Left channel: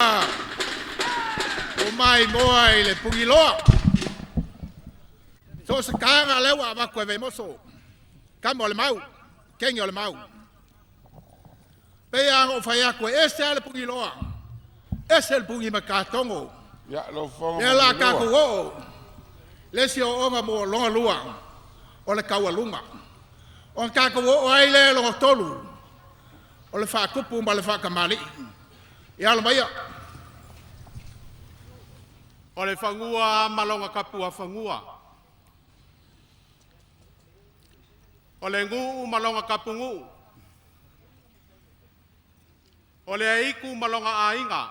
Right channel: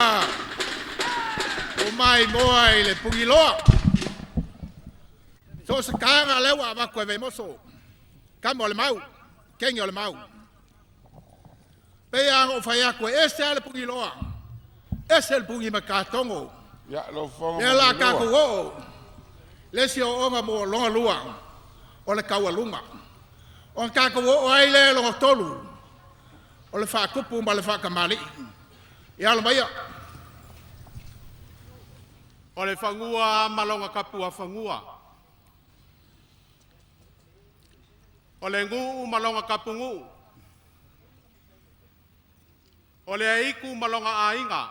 O mai moa i le pungi loa. So se kanga lewa ma koe Vaimoso. Kama o le mau. Kengi o le mau. Pea o whai a koe ese ale pungi loa. Ese le pungi makatongo. Ya lo fonga. Ya la kako o. Lesi o onga mo longa lua. O le Taualuga. O kako o aile longa tolu. O le whakakupu ma le whakamali. Ya lo maia. O le whangua malonga kapua whangua. O le ngu malonga kapu ngu. O le aiku malonga ainga.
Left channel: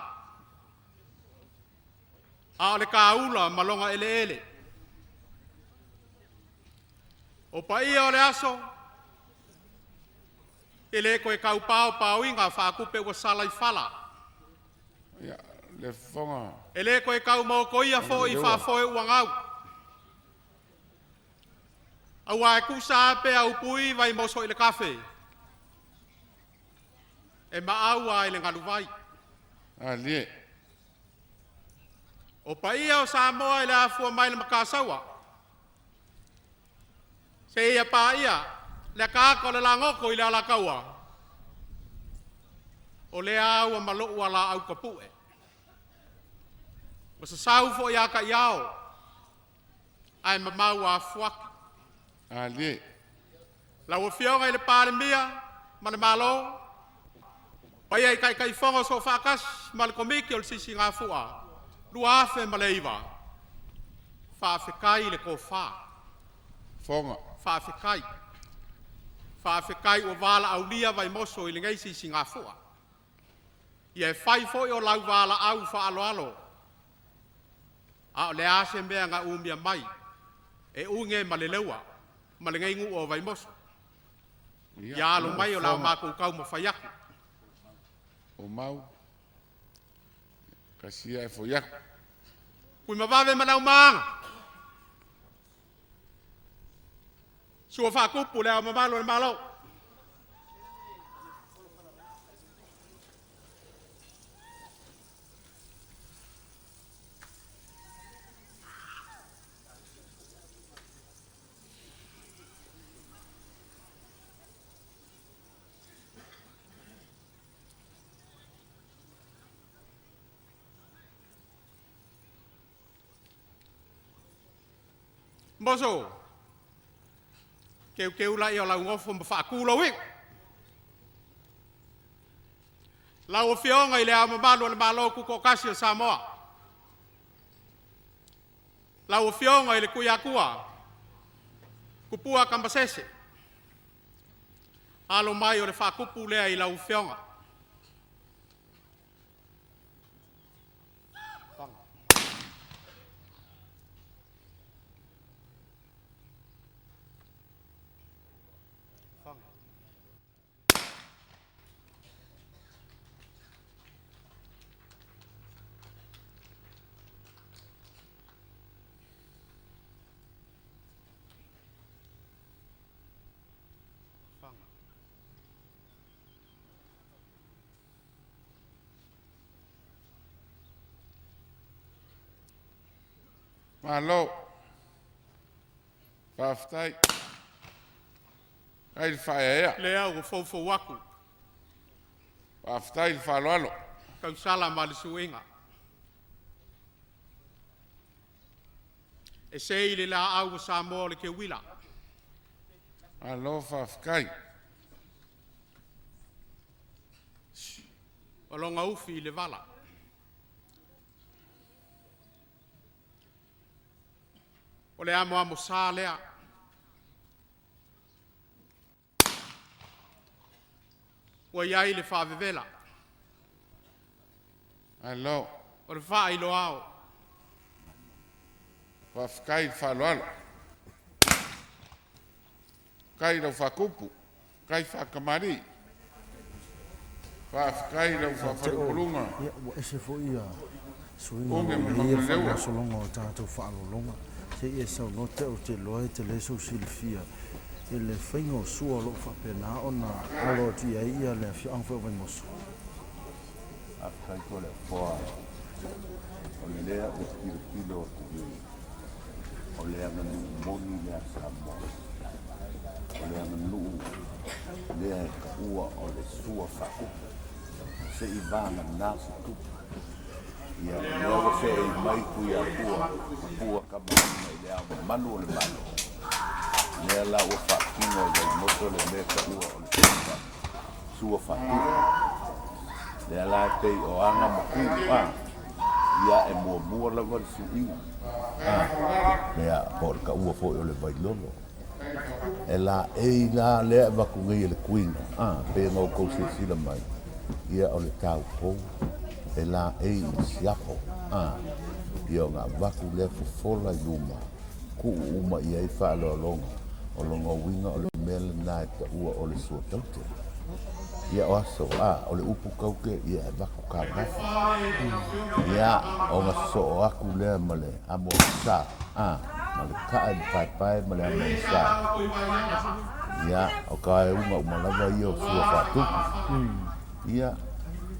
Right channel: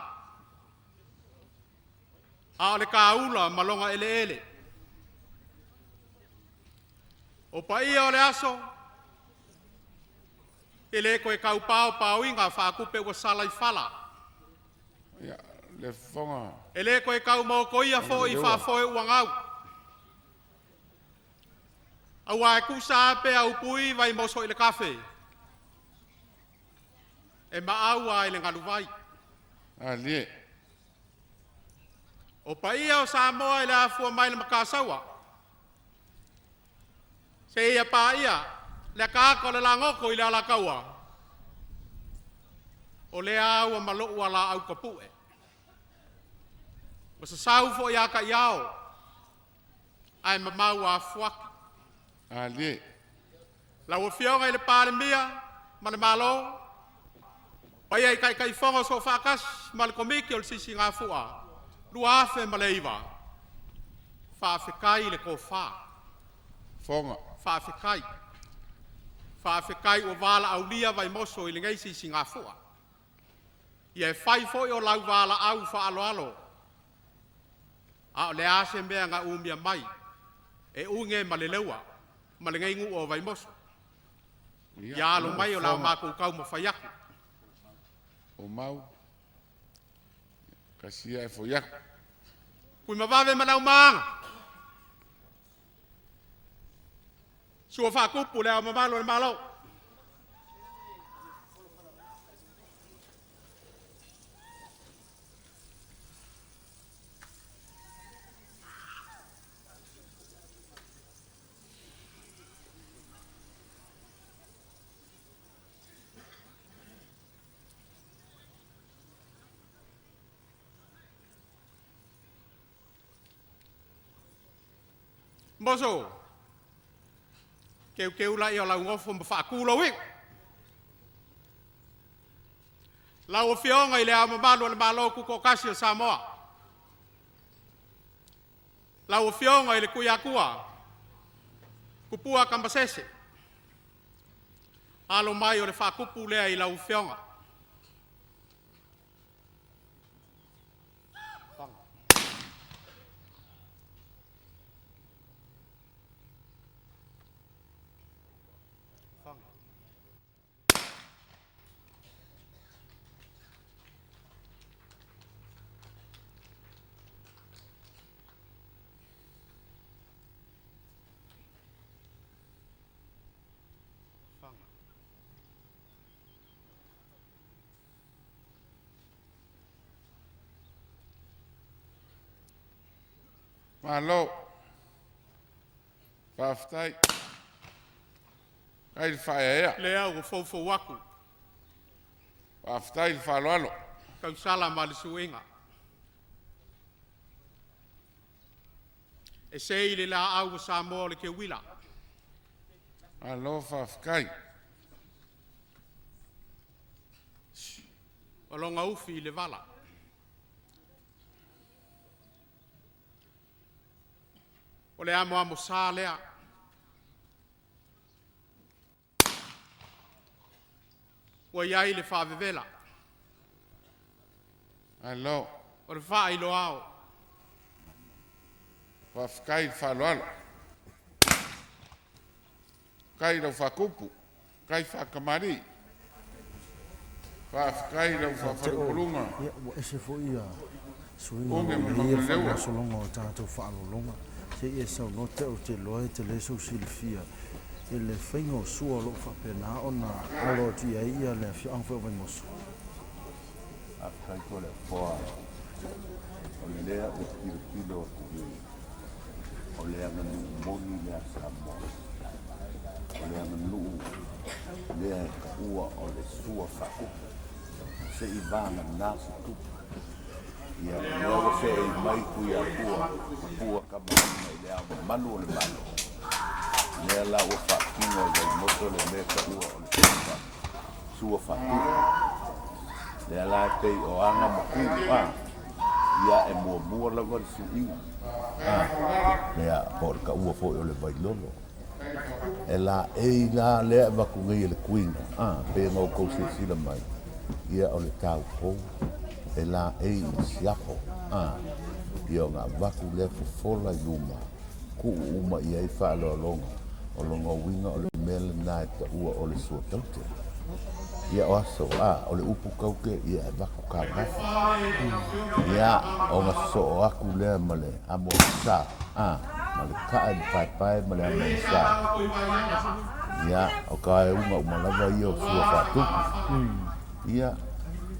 A o le kaula malonga ele ele. O pa ia o le aso. Ele koe kau pao pao inga whakupe wa salai fala. Ya le fonga. Ele koe kau mau koia fo i whafoe uangau. Au ai kusa pe au pui Vaimoso i le kafe. E maau ai le ngalu vai. Ali. O pa ia o Samoa i le afua mai le makasaua. Se ia pa ia, le kako le langoko i le alakaua. O le au a malou ala au kapue. O sa sau fo ia ka iao. Ai mamau a fuaki. Ali. La o fionga i le pāle mia, ma le malo. Pa ia i kai fonga so whakas, ma le komiki o le sisi ngā fua. Lua afe ma le iwa. Whaafekai le ko wha. Fonga. Whaafekai. Whaafekai o wala au lia Vaimoso i le ngai sisi ngā fua. Ia e whai foi o lau wala au wha alo alo. A le ase mea ngā umia mai. E unge ma le leua. Ma le ngai ngu o Vaimoso. Ia alo mai o lau mākou kau ma whaiaku. O mau. Kasia e foiaku. Kui mawawe manau maanga. Sua whakupu lea mamalo le malo. Moso, keu la i o lau ngofo ma whaakula wing. Lau o fionga i le au mamalo le malo kuko kasi o Samoa. Lau o fionga i le kuiakua, kupua kambasese. Alo mai o le whaakupu lea i lau fionga. Malo. Whaftai. Kai le whae ea. Lea o fofo waku. Whaftai le whaloalo. Kau sala ma le suenga. E se i le la au o Samoa le ke wila. Alo whafkai. O longa ufi i le vala. O le amo sā lea. Ua iai le whaavevela. Alo. O le wha ilo ao. Whafkai le whaloalo. Kai lau whakupu. Kai whakamari. Whafkai lau whawharupurunga. Ia, ua ese fo ia. Suinga Onge o mana ia lewa. whakasolonga o tātou whaalolonga. Se ia sau note o te loe te leso silifia. E le whainga o sua lo whapena o na alo tia ia le fiang whao Vaimoso. Akai ko le poa. O le lea o kilo o le anganu moni lea Samoa. O le anganu lea ka ua o le SUA whakupu. Se I vana nasa tupu. Ia logo se I mai kui a pua ka mai le ama manu o le manu. Lea la ua whakino i Vaimoso le mea ka ua o le SUA whakupu. Lea la e pei o anga maku ia e mua lawa le suinga. Lea por ka ua foi o le vailolo. E la e la lea waku ngai le kuinga. Pe ngau kou sila mai. Ia o le tau pou. E la e siapo. Ia o ngā waku lea fufola I uma. Ku uma ia I wha alolonga. O longa winga o le mele nai ta ua o le suataute. Ia o aso o le upu kauke ia e wako ka wafu. Ia o ngā so o aku lea ma le amo sa. Ma le kaa I pai ma le amo sa. Ia o ka e unga umalawa ia o SUA whatupu. Ia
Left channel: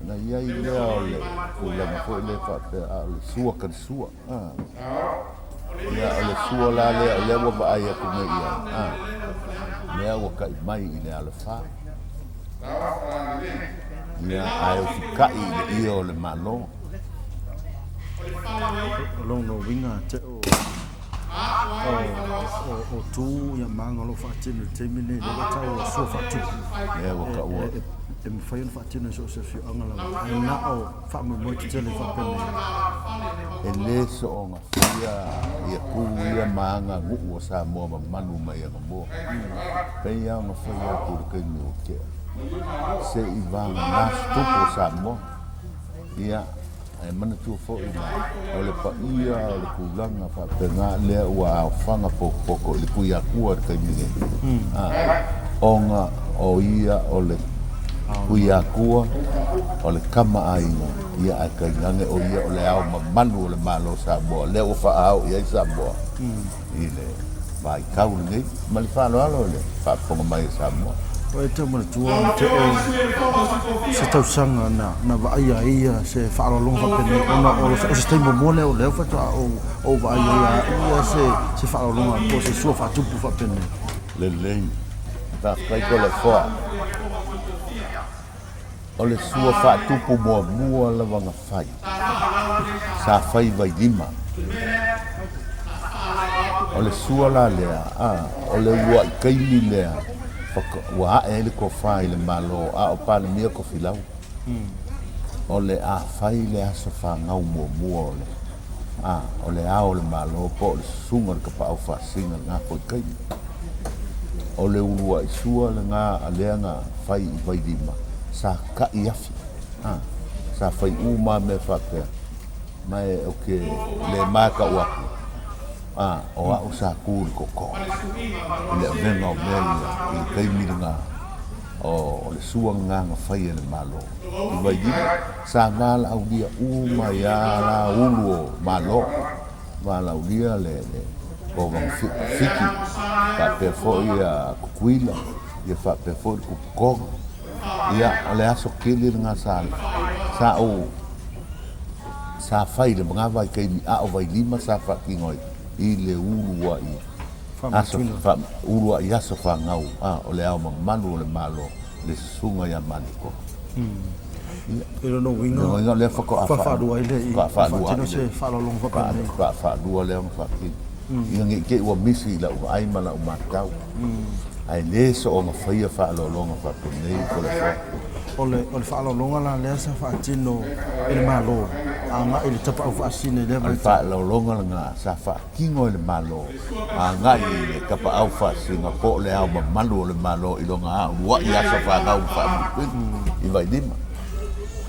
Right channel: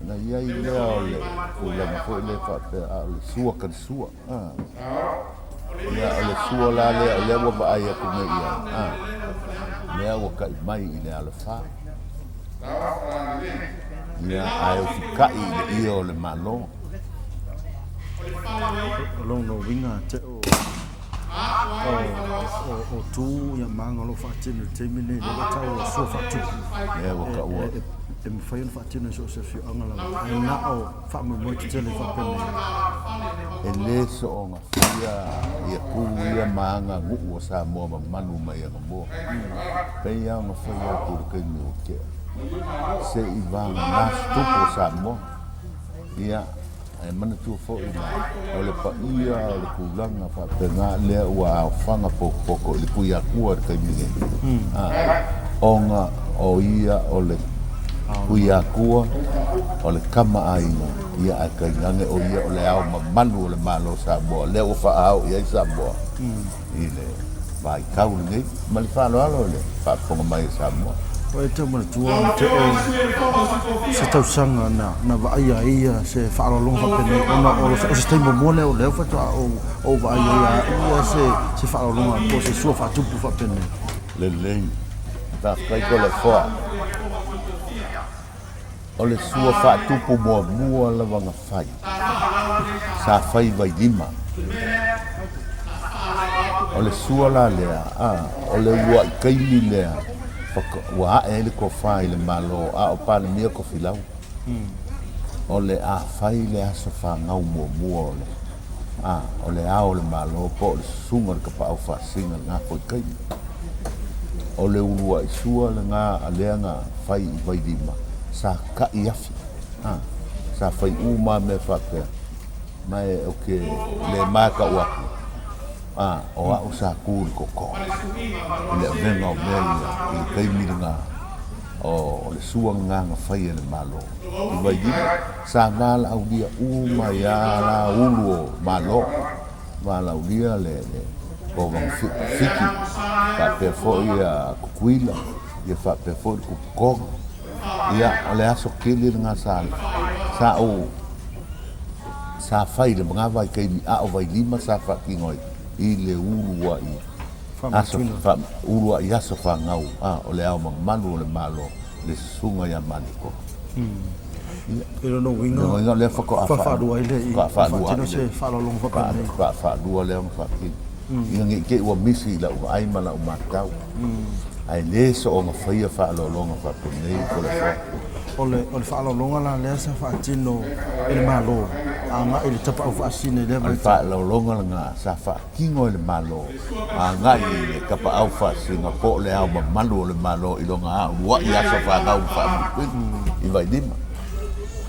na ia I lea o le ulanga fo le whape a le SUA kan SUA. Ia o le SUA la lea o lea wa ai aku me ia. Lea wa ka I mai I le ala wha. Ia ai o fikai le ia o le malo. Long no winga te o tu ia manga lo fatino te mine le tau o SUA whatupu. Ia wa ka ua. E me whain fatino so se fiu angala. E na o whamu mo te tele whapene. E le so o ngā whia ia pū ia maanga nguku o Samoa ma manu mai anga mua. Pei au ngā whia kuru kei mi o kea. Se I vanga nās tupu o Samoa. Ia e mana tua fo I mai. O le pa ia o le kulanga whapenga lea ua au whanga poko I le kui a kua kei mi. O ngā o ia o le kui a kua o le kama aina ia a kai ngange o ia o le au manu o le malo Samoa lea ua wha au ia I Samoa I le vai kau nei ma le whalo alo le whaponga mai Samoa o e te mana tua te o se tausanga na vaia ia se whaalolonga whapene ona o se teimo mone o leo whatua o vaia ia se whaalolonga o se SUA whatupu whapene le lei ta kai ko le wha o le SUA whatupu mua la wanga whai sa whai vai lima o le SUA la lea o le ua I kaili lea ua ae le ko whai le malo o pale mia ko filau o le a whai le asa whangau mua o le o le ao le malo po le sunga le kapau whasinga ngā koi kaili o le urua I SUA le ngā alea ngā whai I vai lima sa ka I afi sa whai uma me whapea mai o ke le maka uaku o au sa kūri koko le venga o melia I kaimiri ngā o le SUA ngā whai le malo I vai lima sa ngā la au lia uma ia la ulu o malo ngā la au lia le o vang fiki whapea fo ia kukuila ia whapea fo I kukonga ia o le aso kele ngā sa whai le mga vai kaimi o vai lima sa whakingoi I le urua I aso urua I aso whangau o le ao manu o le malo le sunga ia maniko Pero no winga le whako a whaadua I le whaadua se whaalolonga whapene whaadua le ang whaki ia ngi ke ua misi la ua aima la umatau ai le so o ngā whaia whaalolonga whapene ko le wha o le whaalolonga la lea sa whaatino I le malo a ngā I le tapa au whaasine lea Al whaalolonga la ngā sa whaakingo I le malo a ngā I le tapa au whaasina po le au manu o le malo I longa a ua I asa whaangau whaamikuini I vai lima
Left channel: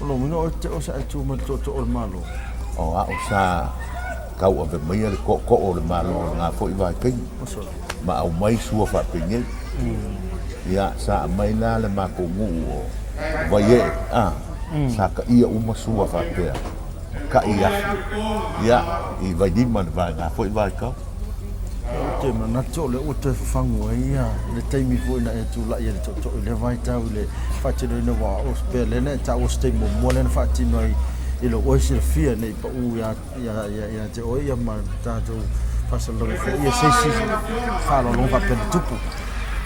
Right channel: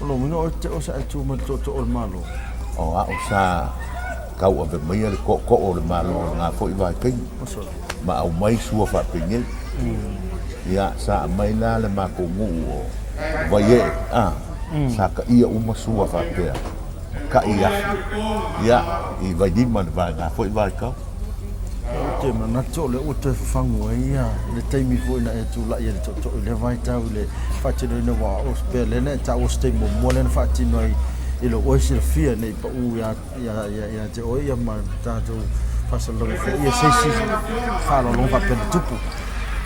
o lo winga o te o sa atu ma to o le malo o a o sa kau a vemeia le ko o le malo ngā fo I vai kei ma au mai SUA whaapenge ia sa mai la le mako ngu o vai e sa ka ia uma SUA whaapea ka ia I vai lima le vai ngā fo I vai kau Te mana to le o te fangu ia le taimi foi na e tu la ia to le vai tau le fati no wa o spele ne ta o ste mo mo le fati no i lo o se fia nei pa u ya te o ia ma ta to pasa lo fe ia se fa lo fa pe tupu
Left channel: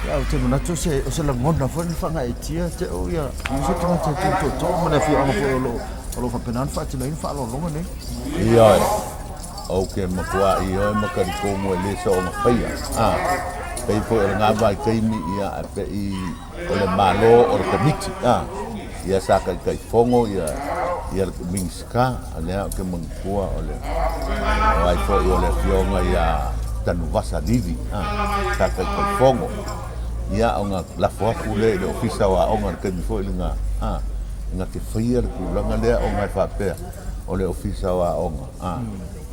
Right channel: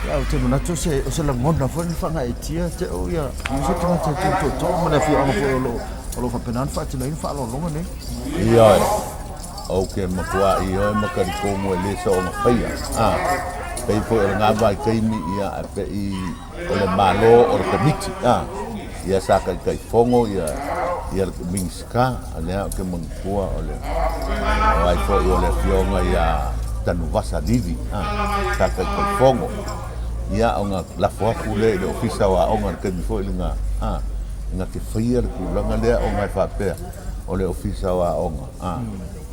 ya te mana to se o se la ngona foi fa nga e tia te o ia mo se to mo le fia o lo fa pe nan fati no fa lo ne ia okay makua ia makari ko mo le so ma faia pei ko nga vai kai mi ia pe i ole malo o komiti ia sa kai fongo ia minska ale ke mangkua ole ai ko ole fionga ia tanu vasa digi sa kai fongo ia onga la fofu le ofisa wa onga ke mi fo nga nga te faia ku langa le onga fa pe ole ofisa wa onga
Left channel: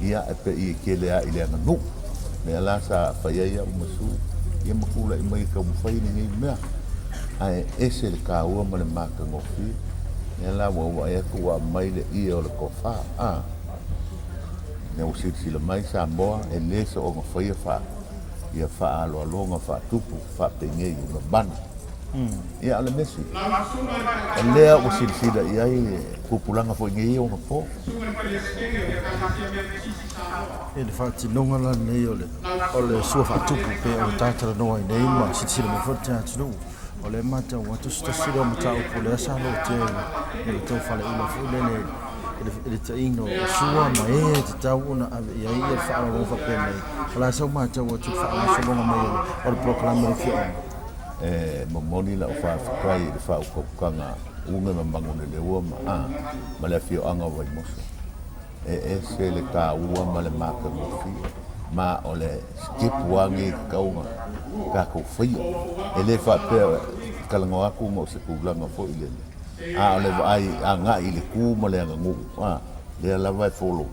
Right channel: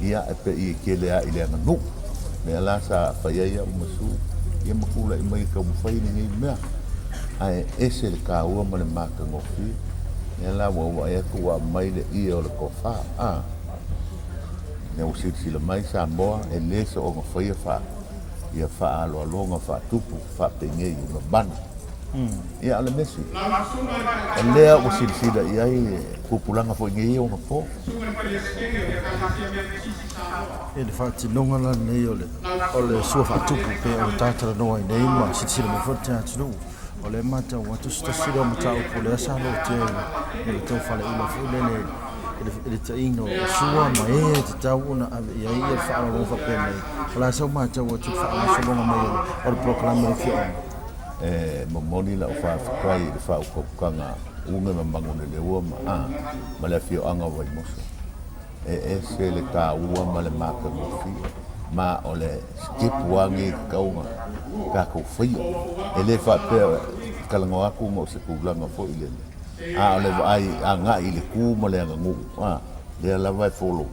ia pe i kele a ile nganu me ala sa fa ia musu ia makula i mai ka mfai ni mea ai ese le ka ua male maka ngofi ia la wa ia ku wa mai le ia o le kofa ne usi si le mai Samoa e le so o ngofai fa ia fa alo longa fa tupu fa penye i na ban ia ale mesu le usi si da ia kupulanga fo ngi o fo e le fati longa la nei ole SUA fa tupu pe o tata no ai nei ma si le fo ta tlu ole mata wa tu sta si lo mata o le sa lo te le to fa le ina fo le te ino SUA ma e te tau una ia ia fa lo fa pe nei ala so mata wa tu fa so longa mai o proclama fi momoni la fa kai fa ko kanga unga mangone le wo ma le fio anga Vaimoso se le ka ua ma le maka ngofi ma ole skip wangi kaunga ka ko fai ele fa pe kalango aku mo se kulanga fo ile ole ai anga ile ku ma le ngu le la vai follow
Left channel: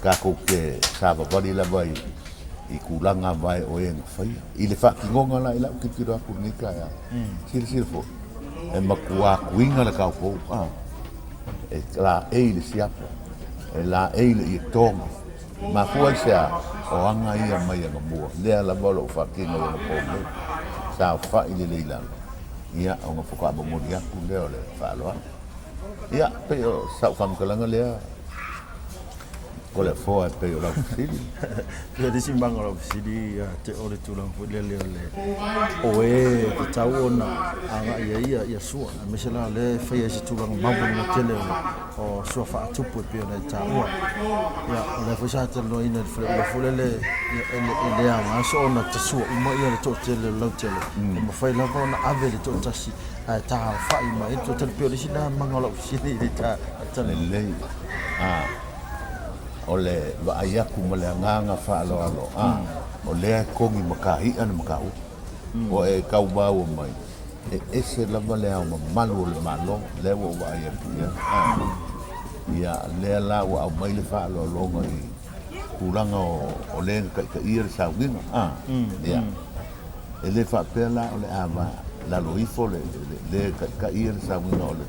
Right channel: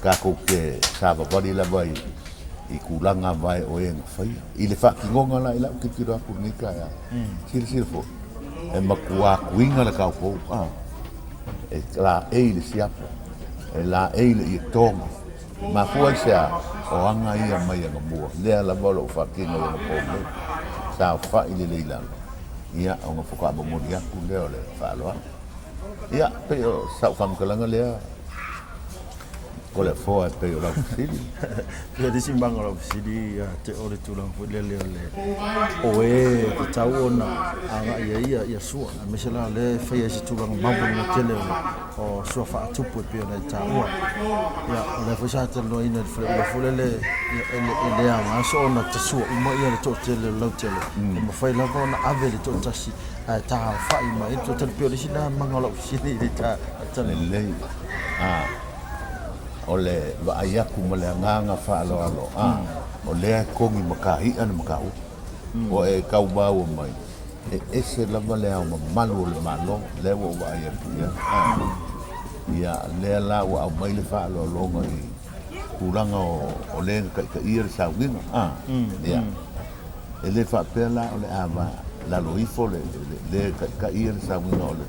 ka ko ke sa ba body la vai i kulanga vai o en fai ile fa kingonga la ila ki tira ku ni ka ya sil fo e makua kuinga la ka fo e la e le siapa la e le i tonga ma foi sa o anga ia mai nga mua le la bolo fa kinga le po mo sa fa ile le ila ia o nga foka bo mo dia ku le ole fa lo ia pe o sa fa mo kalanga le ko le fo pe o la sili le disimbang o sili te ore tulang fo le o e te tau ona anga ia SUA me se la le fa ia si tulang mambo mo tele o SUA fa tupu pe ona taua ia le fo sa te no ina fo le le anga so ona te SUA mo ia le to tele lo tele mo fa la ona ave le to tasi ta fa i mai to te pe o sina mangalo sili ta tele le ole va ayaku male nganga fa alo ole kongi makahi an makau o e kau ba o mai ese la vale a malu le malo le o va ayaku ya le la o mai le fa alo lo ngai kulanga o le ka ir sa wina ya ele fa pela ole ava la lo ifo le ka ir sa wina ole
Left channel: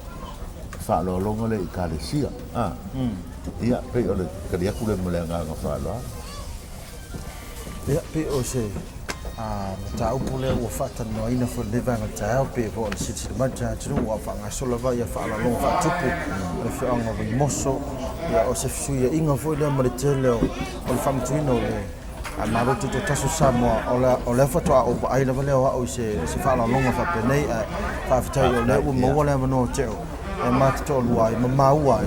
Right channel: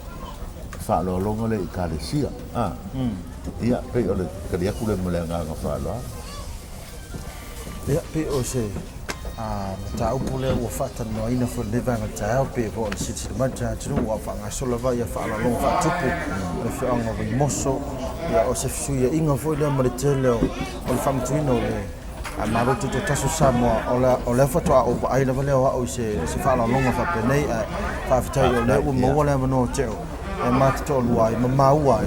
fa alo lo ngai ka le sia ia pe ole kadia kule melenga nga fala ia pe o se ta upule o fata no ina fo le vanga ta pe ko si si ma ta tu wa fa nga so la va ia fa la long fa tupu le fa nga Vaimoso ia o se fuia inga fo le ma tele o fam tuino le a maro tu tasu Samoa o le foto o ai la vale o se fa la long fa pe nei fa fa le o mo wala no te e ma to lua e ma ua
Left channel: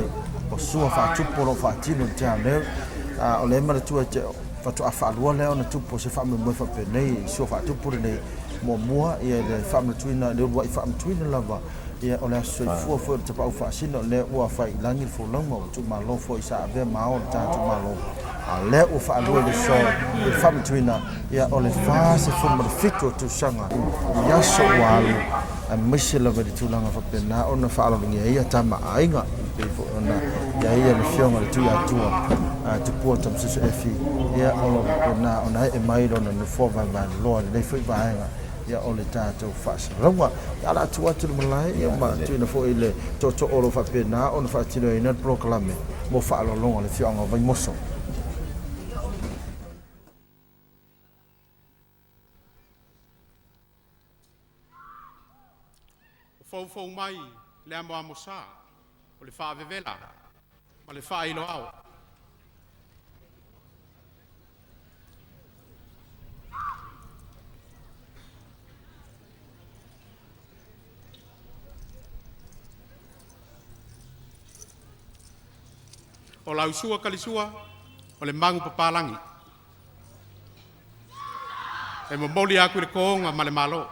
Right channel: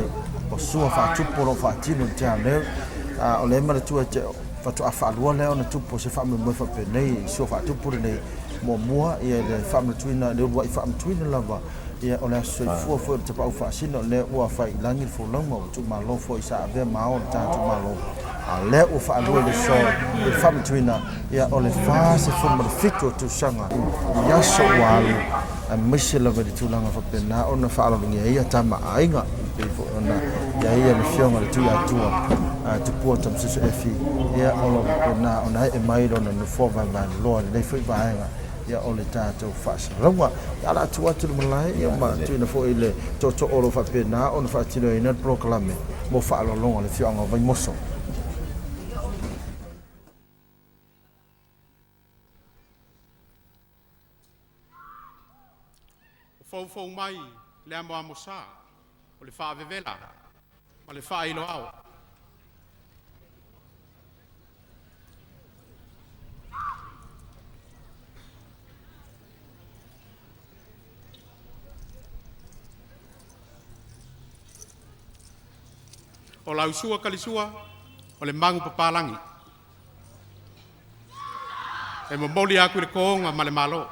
o SUA fa tupu lo fa tino te ale o le mara tu te fa tu afa lua le ona tupu se fa me mo fa pe nei SUA fa tupu nei mo mua ia le fa me tuina le wa fa me tuina lava ia o le so fo te pa fa sino le wa fa langi fo long mo tu ma lo fo isa ave ma o ta tu ma lo le o fa lua le so le fa me tuina ia o le fa se fo mo fito tu sanga ia so wa a misi la vedi tulanga fa pena ona fa ala ngia ia tama ainga ona ia ia le fionga le Tuiātaga tu po tam se fi ia ola pena ona e mai ona no fo va lo le fi va ia ole tatou fa rawa ala tu atu malai ia ma tu na fo ile to olo fa pena ona fa tino ina proclame mo fa ala longa le fionga Vaimoso Fou mai le amo amosa o le whaavevela ma le whailo au. O lau sua kalisua o le mangu papalangi. E momoli aku le koonga ma le malo.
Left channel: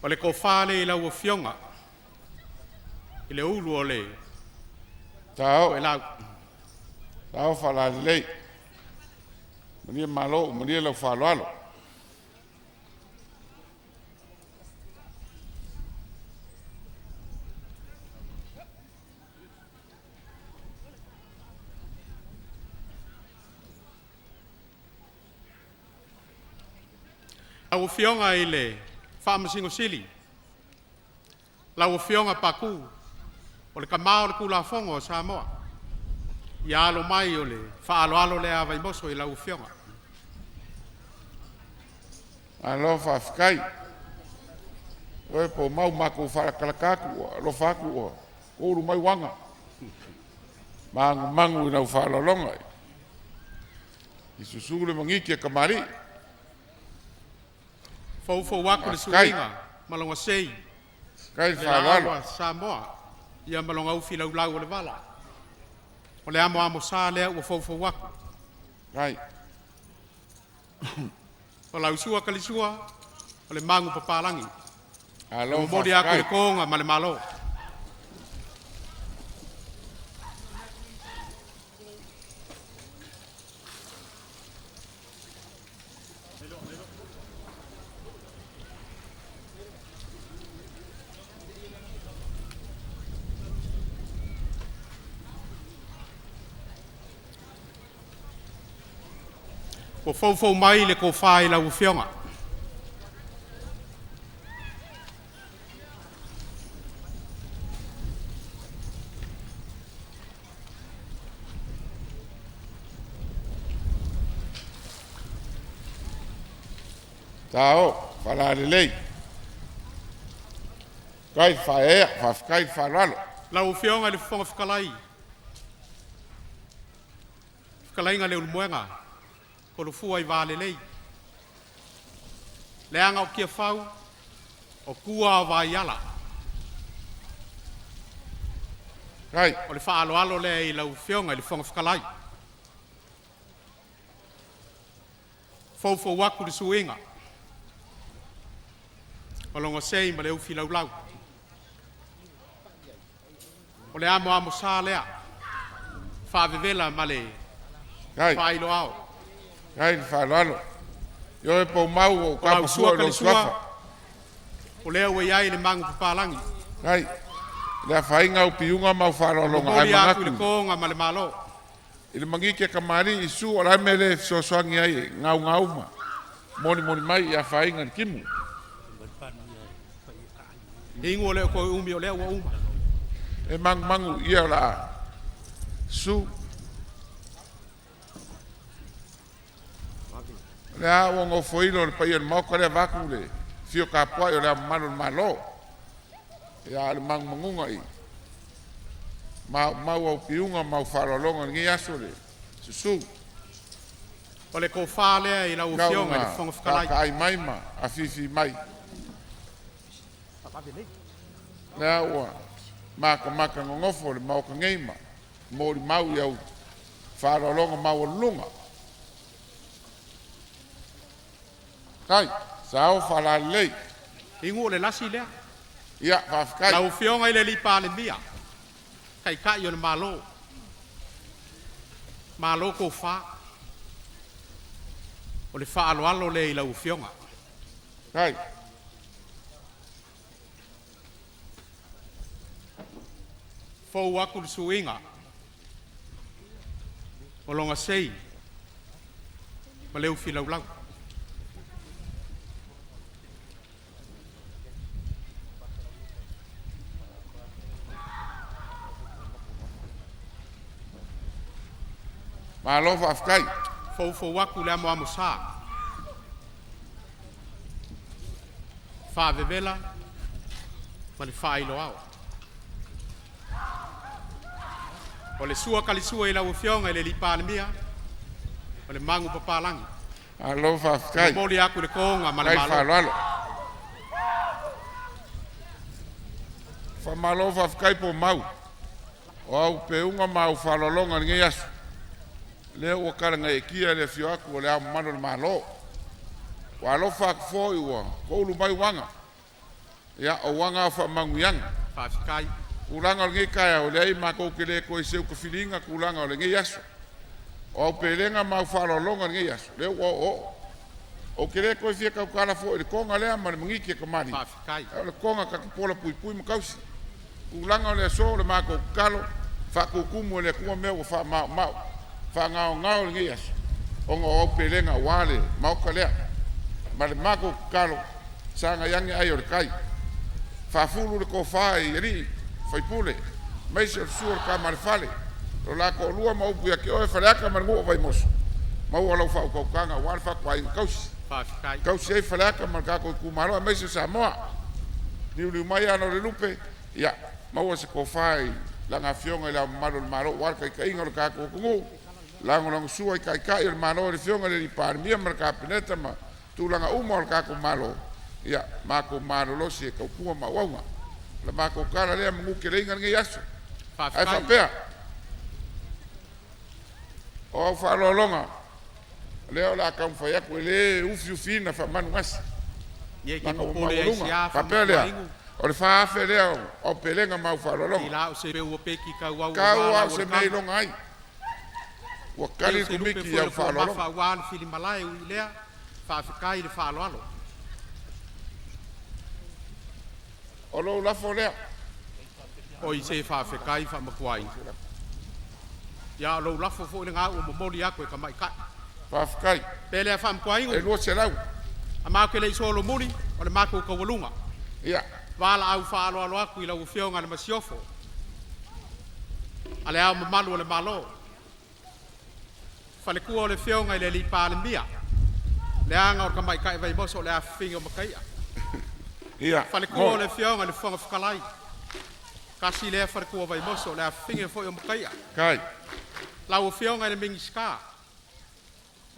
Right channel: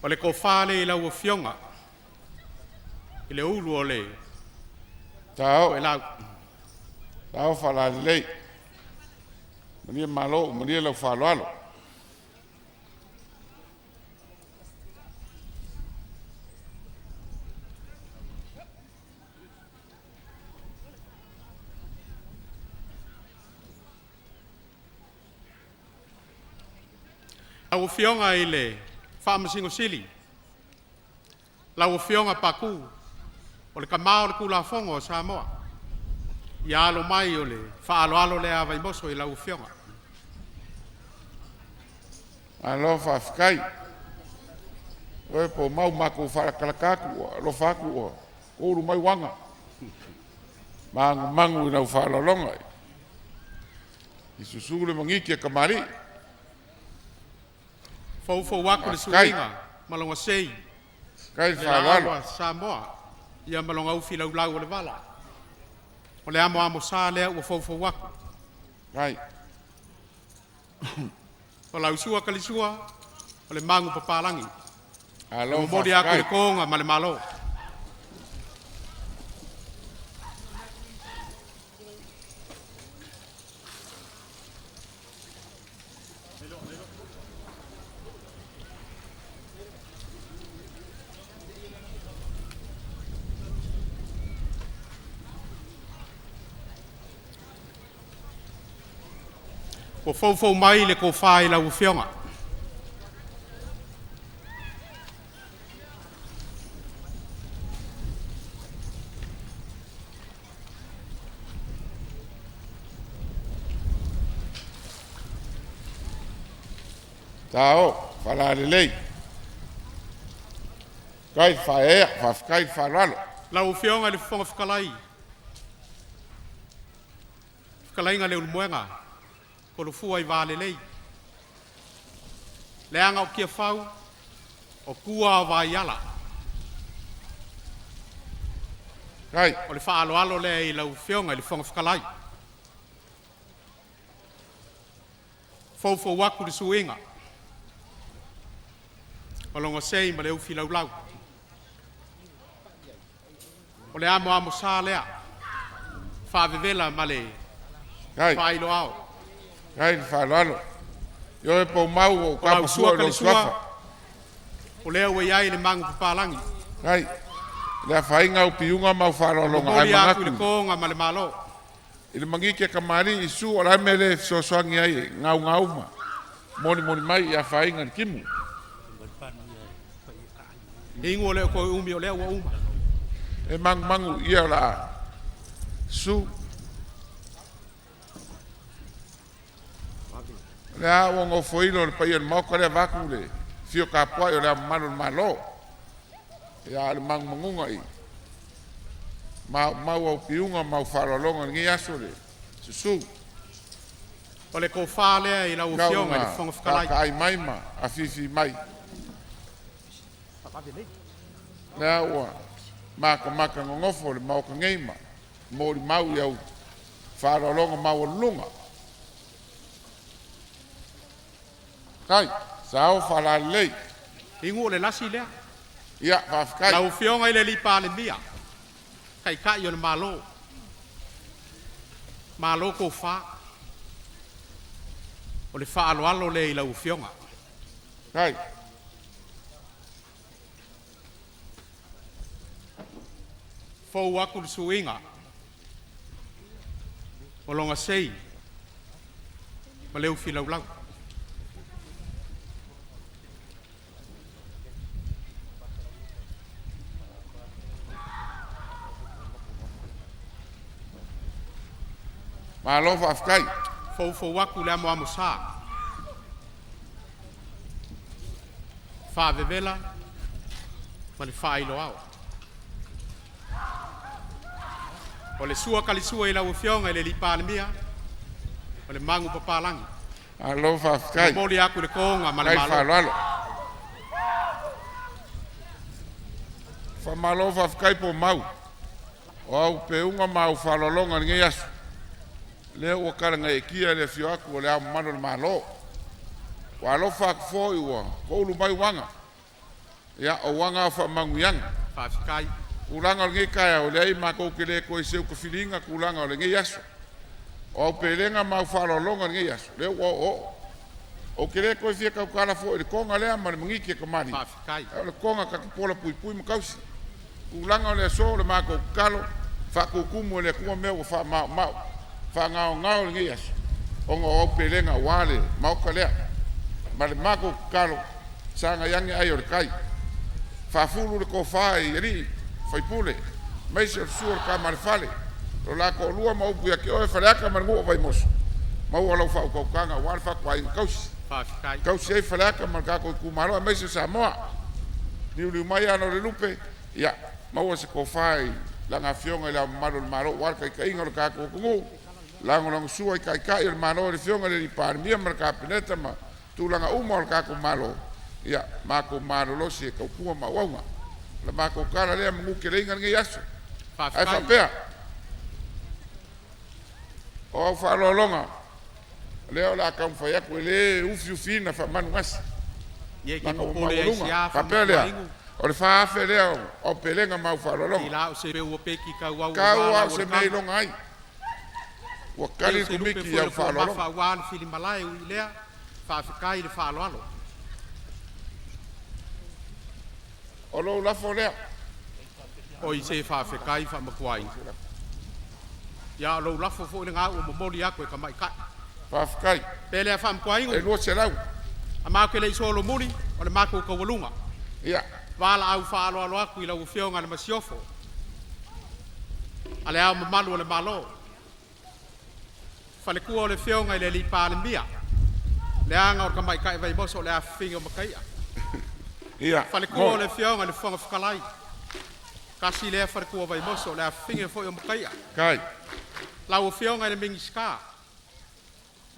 O le kofale i lau o fionga. I le ulu o le. Tau. O e lau. Tau whala lei. Maria malo, maria lau whaloalo. Lau o fionga i le whaamasingo sili. Lau o fionga paku. O le kamao le kula fongo o Samoa. I alo mai o le whaaloalo le a Vaimoso i lau o fionga. Alo whafkai. Oe po mau mako whalakalakaku, alo whaku o. Oru mai wanga. Mangu i nau whalalonga. I susule mangiki a kamari. Fou waku le suinga, malonga sei. Kai Le whalalo. awa Samoa. Ia malonga ufi lau o le wala. O le amo sa lea ua fou waku. Kai. O lau sua kalisua, o le mangu papalangi. Alo O mori aku le whafkai. konga ma le malo. O fou mai le ko fai lau fionga. Tau, whala lei. Kai whaea, whafkai whalalo. Lau fionga le fonga whakalai. Whakalai nga le ulumuenga. Ko lo fua i vale lei. Le anga o kia whau. O kua o vai ala. Kai, O le whaaloalo le i lau fionga i le fonga whakalai. Fou waku le suinga. O longa sei ma le ufi lau. O le amo sa lea. Whaavevela ma le kai, whailo ao. kai whalalo. Yo e po mau o O lau kapu sua sua ka lo le swafa. sua. O lea ua iai le mangu papalangi. Kai, lea whainga o piunga mau whalolonga ai Mori aku le mangaku. konga ma le malo. I le mangiki a kamari i su o lai mele sosoangi ai ngau ma. Moni mai i a whainga ni kimu. Ingu o lea ko umi o lea ua uma. E mangu ia la su. Lea o ngo foilo le paia mau kare vaku le. Fio ka poa o lea malo. Ia le mangunga i. Mau au piunga mau whalolonga ngi aso le. Susu. O le ko wha lea i lau fionga i le fonga whakalai. Ka ai mai ma, a fifi mai. Lea ua, maka ngongofo le mau ka ngeima. Mori mau iau whalolonga mau lunga. Kai, sao whalalei. Ingu o le lasi lea. Ia, whafkai. Lau fionga i le lipa le mia. Kai kai o le malo. Malo ko wha. o le whaaloalo le i lau fionga. Kai. Fou aku le suinga. O longa sei. Ma leu fi lau lau. Ma lo fa afkai. Fou aku le amo sa. Fa vevela. Ma le fa ilo au. O le sua kalisua i lau fionga i le lipa le mia. O le mangu papalangi. Ma lo fa afkai. Moli aku le konga ma le Kai fa malo. lalo. Fa malo fa afkai po mau. O au pe unga mau fa lolonga nge yasu. Le o karanga e kia le fio aku o le au mano le malo. Wa lo fa fo i wa. Ko lu mai wanga. Ya o wanga fa manguyanga. Fa fikai. Ulanga o nge kaya o le ai mako ke le ko se ko filinga kulanga o le nge yasu. O pelenga mau fa lolonga nge yasu. Le o ke le ko fia ka kala fo i konga le ama le mngiki ka mani. Fa fikai. O le konga ka pola pui pui makausi. Ulanga o le so le mako kalo fa ko kumu le kuma me o fa mau. Fa ngao le nge yasu. O pelenga wale mau ka le. Ma le mako kalo sanga yangi ai o le kai. Fa fulu le ko fai ri fai pule mai se suor ka mar fale lo la ko lua mau pu ke o fa ka mar ngo Vaimoso mau ala fa ko kanga wal fa kwai kaus Fa fikai. kaus e fa ka mar ka ko ku maro mai se Samoa ni mai ano le lupe ya mau se ko fai la nga fionga la maro wal kai ngol ka ko ngo la ngol SUA kai il maro le fionga le par mia mar ka peneta ma tu la nga umol ka ko malo ya ma ko maro lo se ko ku ma wanga la mako kala le mungu ke le ngi yaso Fa ai fa fikai. pea o fa lo longa le ola kam fa ya ko le ufi fina fa man was Ye ki mako ko pole ai sia fa pea le o le fa fe le o pelenga mau fa lo I longa la o se pe ki ka wa ka wa se me longa ai wa kali ku miki ya fa lo longa Fa wan fili malai u lea. Fa fikai le fa alo. o lo la fo le O i se fa fikai fa makwai. Ya lo la fo le nga o moli aku e ka mai ka. fa kai Pele fa makwai e lo se lau a ma ke le solo muni o le mako ko walunga ya wala au fa alo aku i lau fionga le masiofo ale au malu le malo fa le ku o le fionga i le lipa le mia le anga o ka mai ka Vaimoso le a finga makai ya fa le ku o le fionga le fonga fkalai kasi le fa le ku o Vaimoso le a finga fo o makai kai lau fionga le mingiska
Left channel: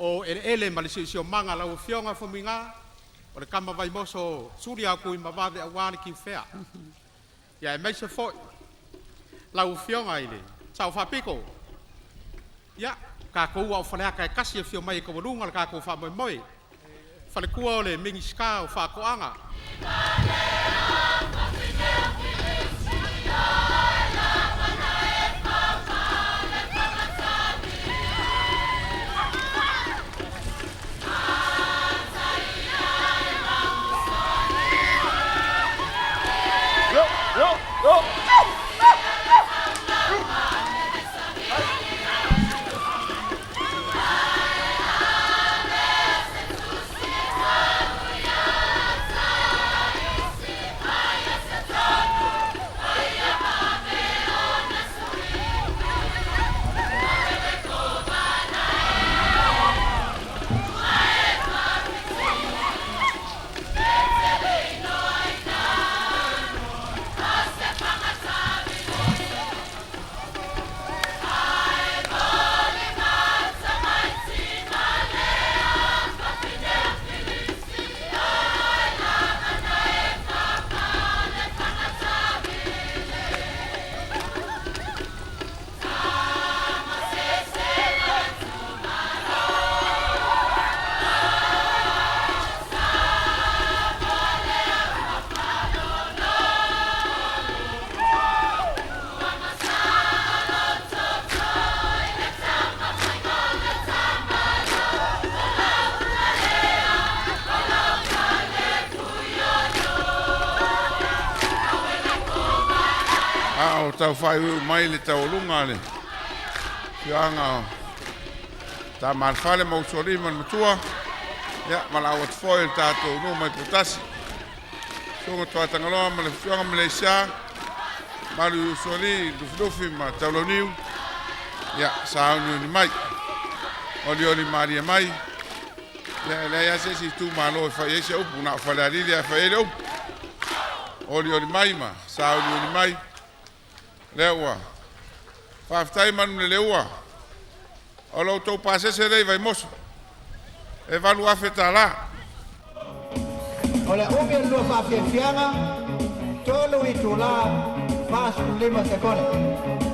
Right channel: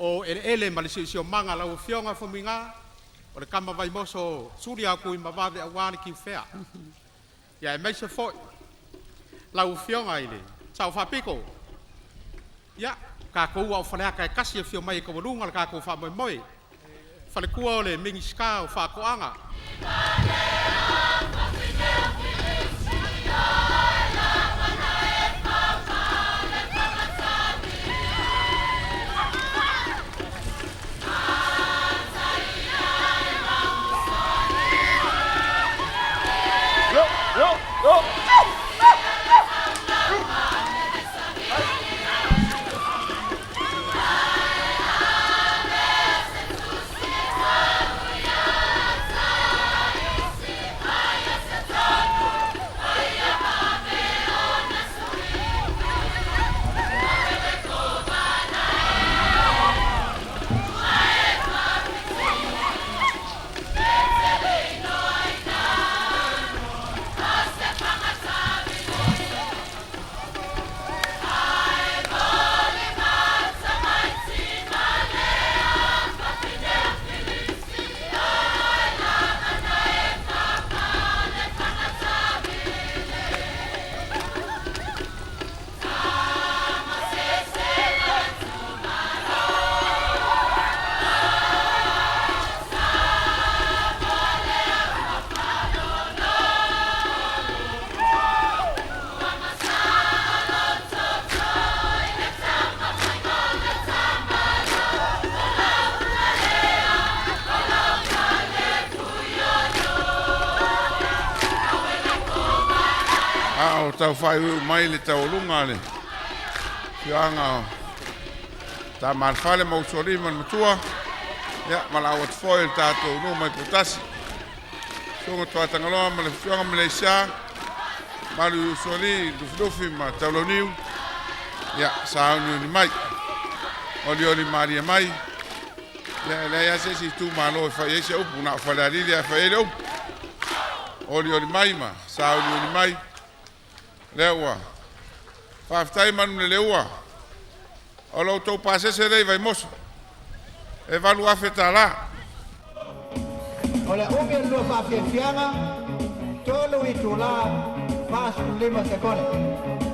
o ele ma le sio manga lau fionga fo minga o le kama Vaimoso suri aku i mavave awani ki fea ya mai se fo lau fionga ile sau fa piko ya ka ko wa fa ka kasi fio mai ko lunga ka ko fa moi fa le ku le mingiska o fa ko anga a o tau whai ui mai le Taualuga le. Fianga ta marfale mausori man matua. Ya malau at foil tato no mai potasi. So Tuiātaga loa ma le fianga Malaysia. Malu usori dufi ma tauloniu. Ya sauni ni mai. Oli Maria mai. Ya ya se si tu malo fa yese upu na fa la lilia fa ele upu. Oli mai ma sauni ni mai. Lewa. Fa ftai man le lewa. Olo to pase se dei Vaimoso. E valu afetala. Ole umi lo fa fianga. Tolo itula. Mas lima sekone.